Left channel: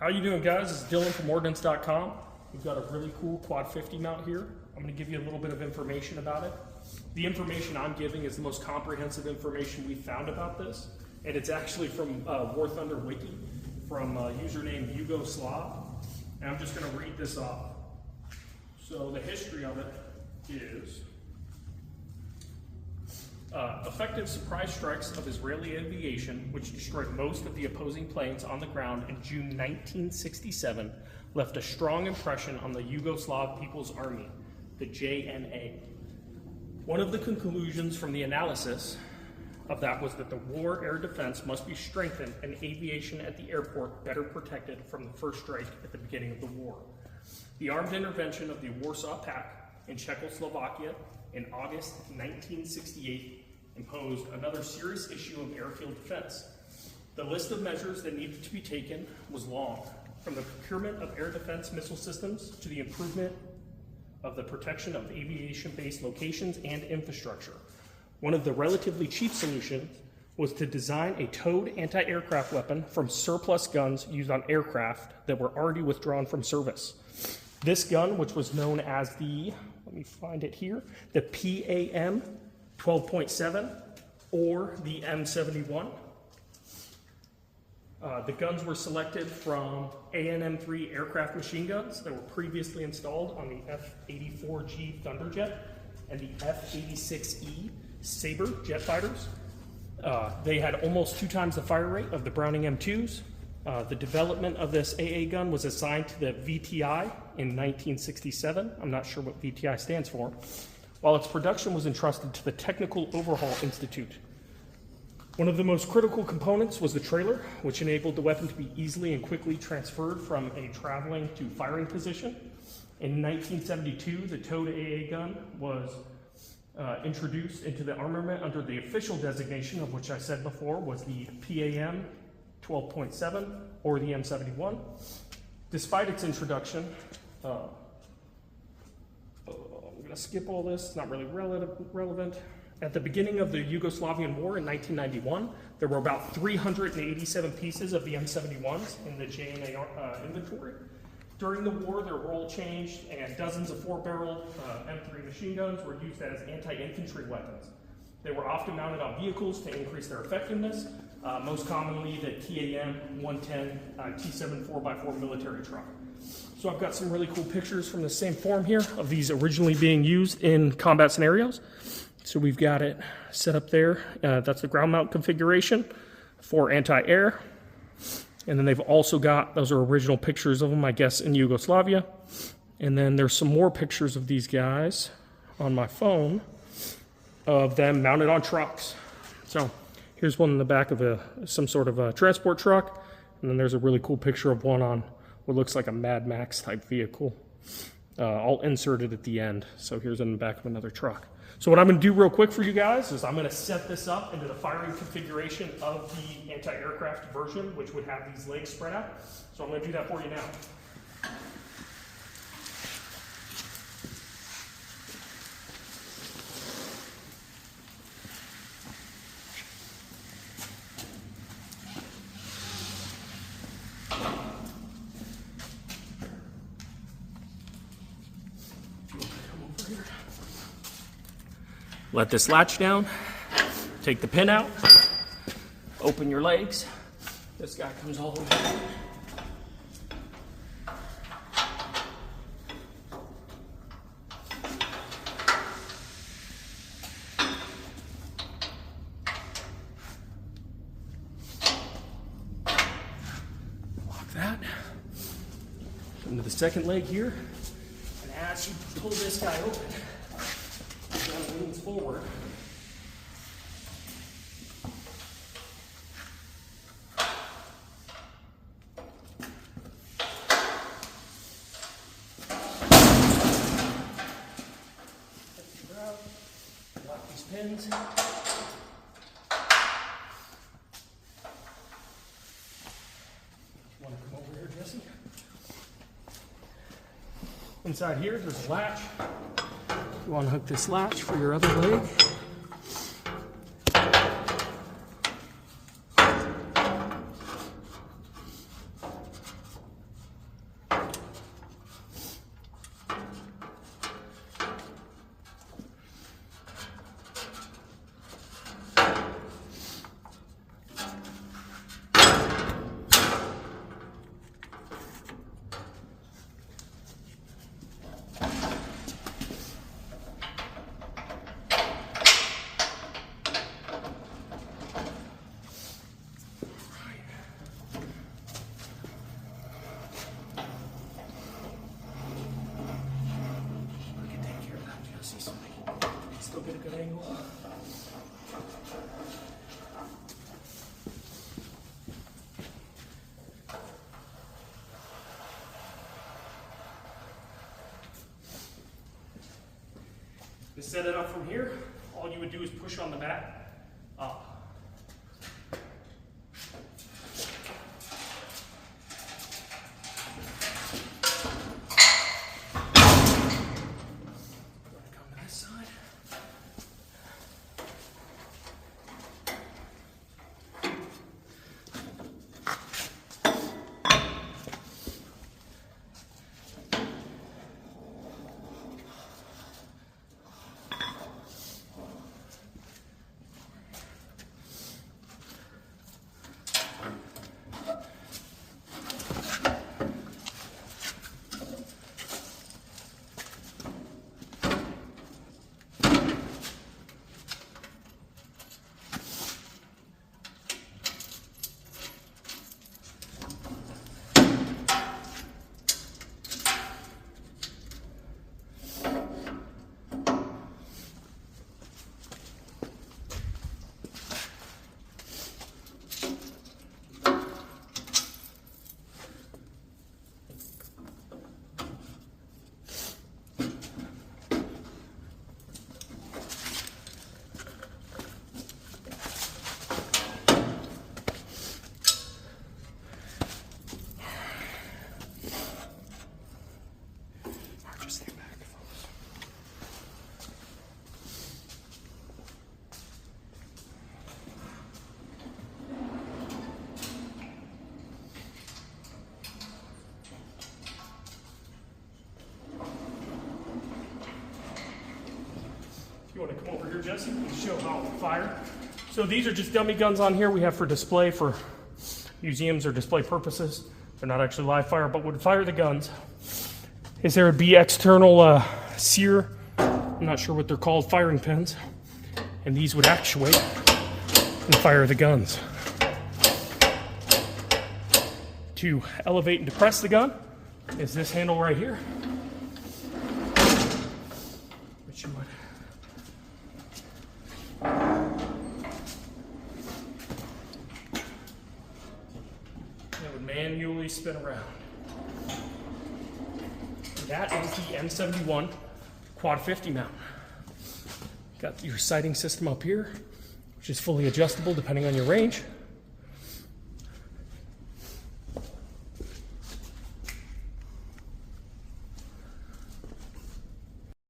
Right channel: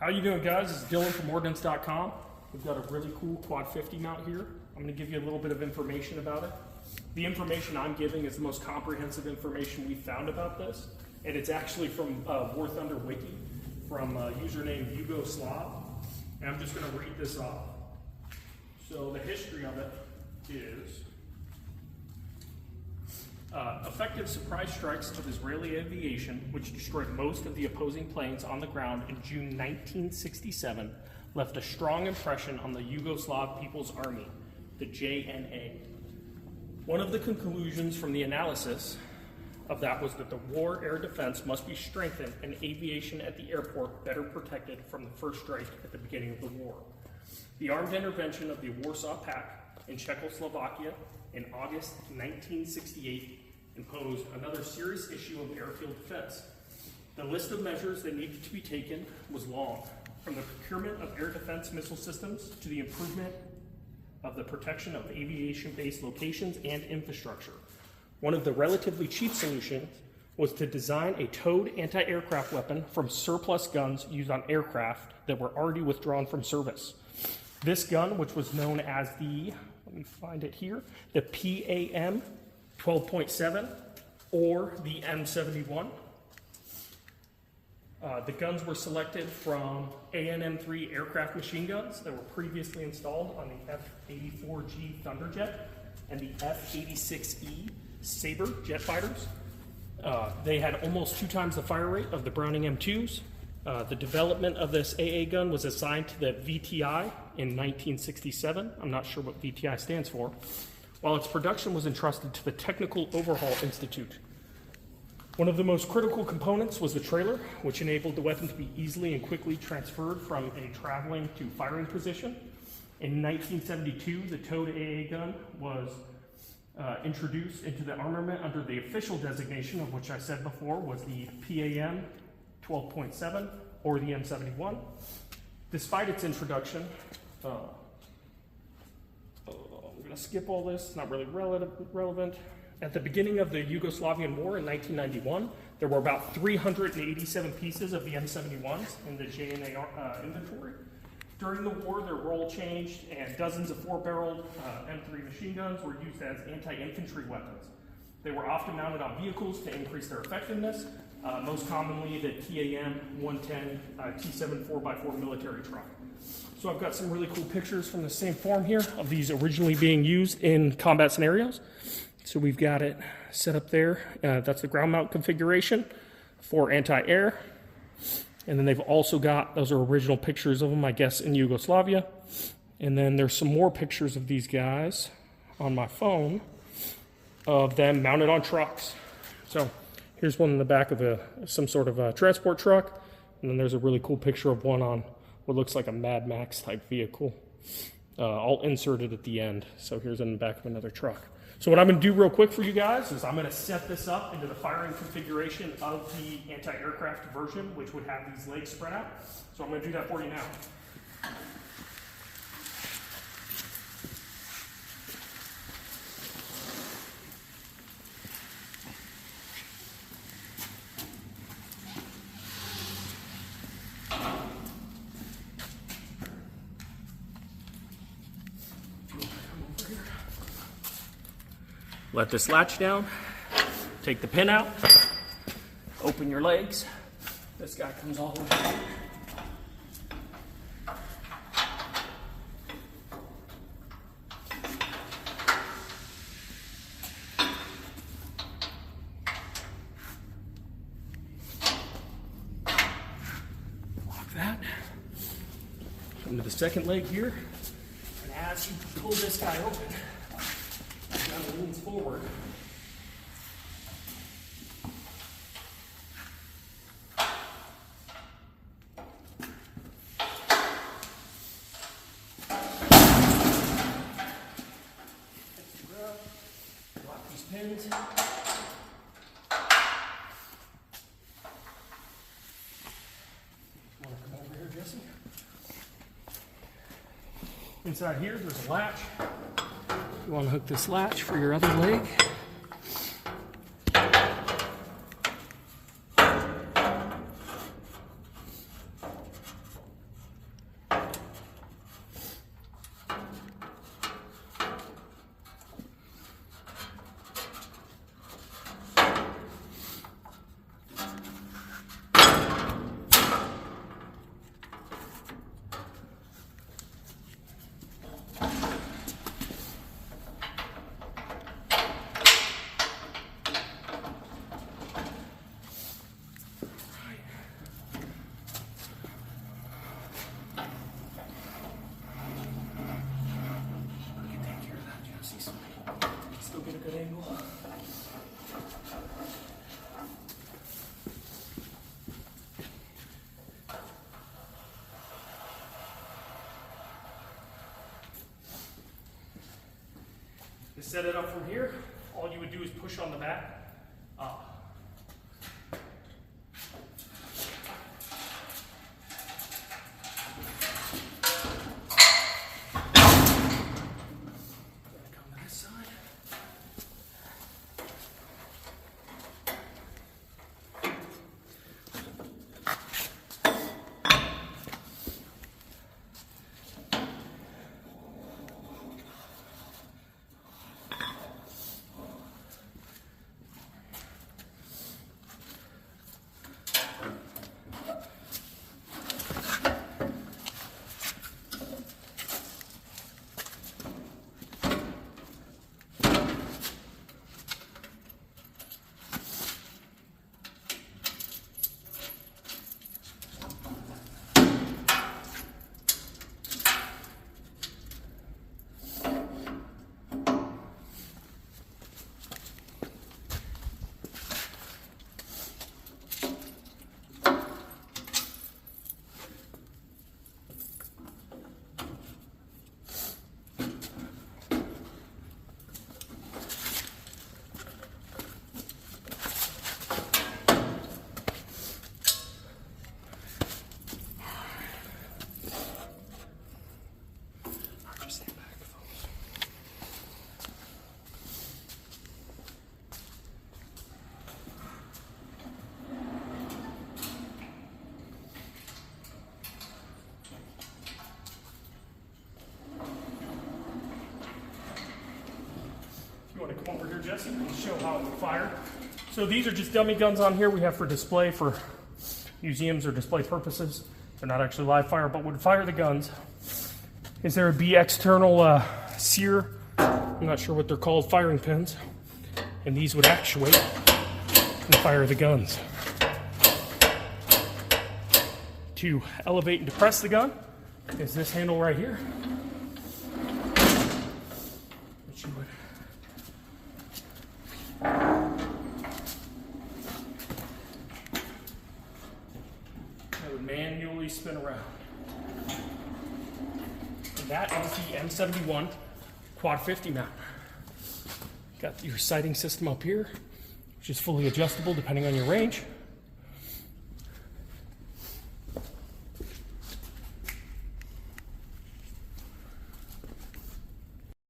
How you doing, guys? This is Dylan from Ordnance.com. We've got a really cool Quad 50 mount here. I'm going to give you a little bit of information about it. The information I'm giving is the most comprehensive information we've found about this, and it's actually from War Thunder Wiki, from a username Yugoslav, and I'm just going to read this off. So the history of it is effective surprise strikes of Israeli aviation, which destroyed most of the opposing planes on the ground in June 1967, left a strong impression on the Yugoslav People's Army, the JNA. One of the conclusions from the analysis of that was that the war air defense must be strengthened and aviation at the airport better protected from the first strike at the beginning of the war. The armed intervention of the Warsaw Pact in Czechoslovakia in August 1968 imposed another serious issue of airfield defense. The list of measures that needed to be taken was long, from the procurement of air defense missile systems to the improvement of the protection of aviation-based locations and infrastructure. One of the relatively cheap solutions was to design a towed anti-aircraft weapon from surplus guns used on aircraft that were already withdrawn from service. This gun, which was known as the, let me find it here, the PAM 12.7 or the M71. The guns were selected from ANM-3 aircraft machine guns that were previously installed on the F-84G Thunderjet and the F-86E Sabre jet fighters. They had almost 2 times the fire rate of the Browning M2s. The development of this AA gun was assigned to the VTI in 1967. I'm not sure what VTI stands for. While its production was entrusted to the Technical Overhaul Institute. One of the most critical components was the trailer, which enabled the weapon to be easily and quickly transferred from a traveling to firing position. In 1972, the towed AA gun was introduced into the armament under the official designation of which I said before was the PAM 12.7 or the M71. Despite its introduction, I'm going to skip all this, it's not really relevant. At the beginning of the Yugoslavian War in 1991, there were about 387 pieces of the M71s in the JNA inventory. During the war, their role changed, and dozens of 4-barreled M3 machine guns were used as anti-infantry weapons. They were often mounted on vehicles to increase their effectiveness, most commonly the TAM 110 T7 4x4 military truck. So I've got some really cool pictures from the same form here of these originally being used in combat scenarios. So we've got it set up there. That's the ground mount configuration for anti-air. And then they've also got, those are original pictures of them, I guess, in Yugoslavia. And then there's some more pictures of these guys on my phone of them mounted on trucks. So here's one in the back of some sort of a transport truck. And then there's a really cool picture of one on what looks like a Mad Max type vehicle. I'll insert it at the end. So here's in the back of another truck. So what I'm going to do real quick for you guys is I'm going to set this up into the firing configuration of the anti-aircraft version, which would have these legs spread out. So I'm going to do that for you now. Let this latch down, take the pin out, open your legs. This guy comes all the way down. Lock that. Come to the second leg here, and as you pull this guy open, leans forward. Lock these pins. Want to come over here, Jesse? Inside here, there's a latch. You want to hook this latch for your other leg. set it up from here, all you would do is push on the back. You want to come over here, Jesse, and show how it would fire. So these are just dummy guns on here we have for display for museums or display purposes. They're not actually live fire, but would fire the guns. Is there would be external sear, I'm not sure what they're called, firing pins, and these would actuate and fire the guns. To elevate and depress the gun is this handle right here, which you would manually spin around. And that is the M71 Quad 50 mount. Got your sighting system up here, which is fully adjustable depending on your range.